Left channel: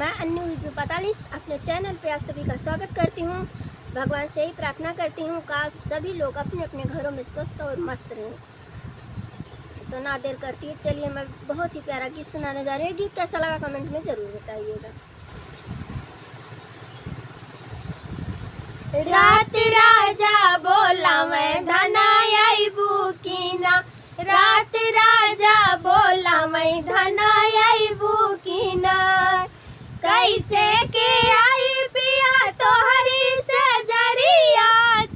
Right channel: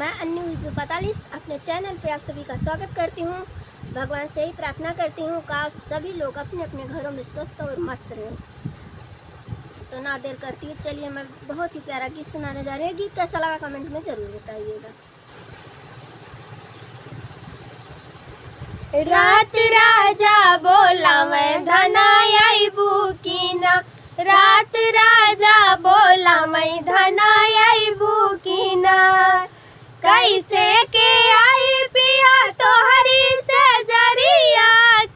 मैं अन्नू यूपी 45 अपने चैनल पे आप सभी का स्वागत करती हूँ। भगवान से ही प्रार्थना करती हूँ कि आप सभी लोग अपने अपने घरों में स्वस्थ और मस्त रहें। तो ना देर करती है, चलिए मैं बहुत ही प्यारा गीत सुनाने जा रही हूँ। गीत कैसा लगा कमेंट में ज़रूर बताइएगा। रात राजा बोला मैं धनाई बुकीना, रात राजा बोला मैं धनाई बुकीना, कैसे के आई पिया तोहरी से जरिया,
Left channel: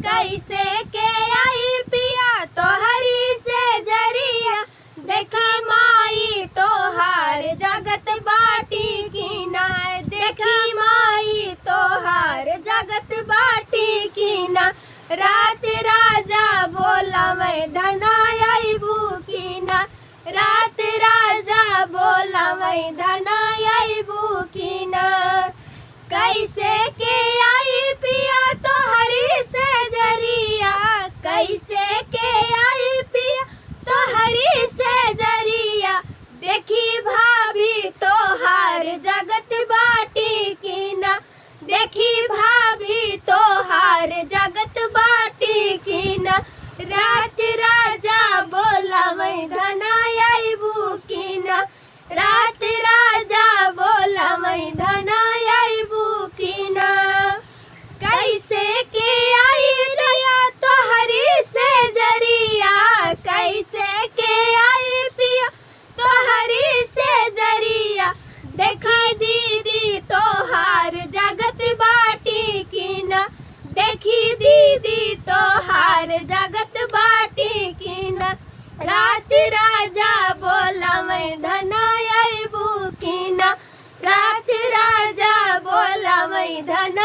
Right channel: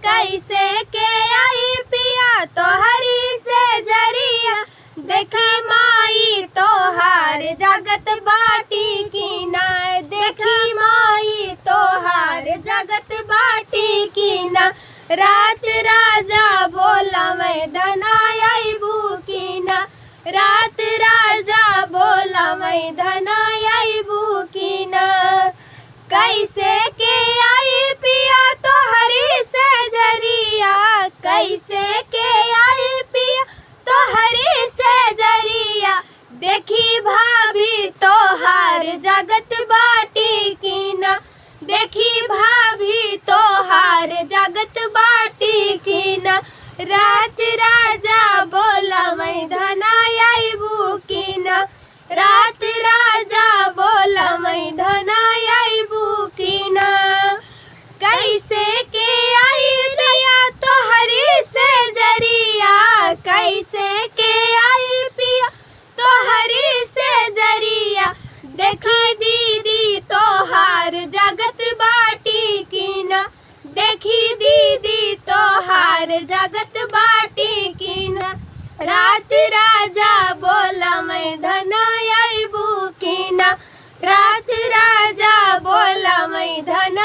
कैसे के आई पिया तोहरी से जरिया, देखा माई तोहार जगत बाटी कीना, देखा माई तोहार जगत बाटी कीना, रात राजा बोला मैं धनाई बुकीना, रात राजा बोला मैं धनाई बुकीना, कैसे के आई पिया तोहरी से जरिया, कैसे के आई पिया तोहरी से जरिया, देखी भाभी तोहार जगत बाटी कीना, देखी भाभी तोहार जगत बाटी कीना, रात राजा बोला मैं धनाई बुकीना, रात राजा बोला मैं धनाई बुकीना, कैसे के आई पिया तोहरी से जरिया, कैसे के आई पिया तोहरी से जरिया, देखी दीदी तोहार जगत बाटी कीना, देखी दीदी तोहार जगत बाटी कीना, रात राजा बोला मैं धनाई बुकीना, रात राजा बोला मैं धनाई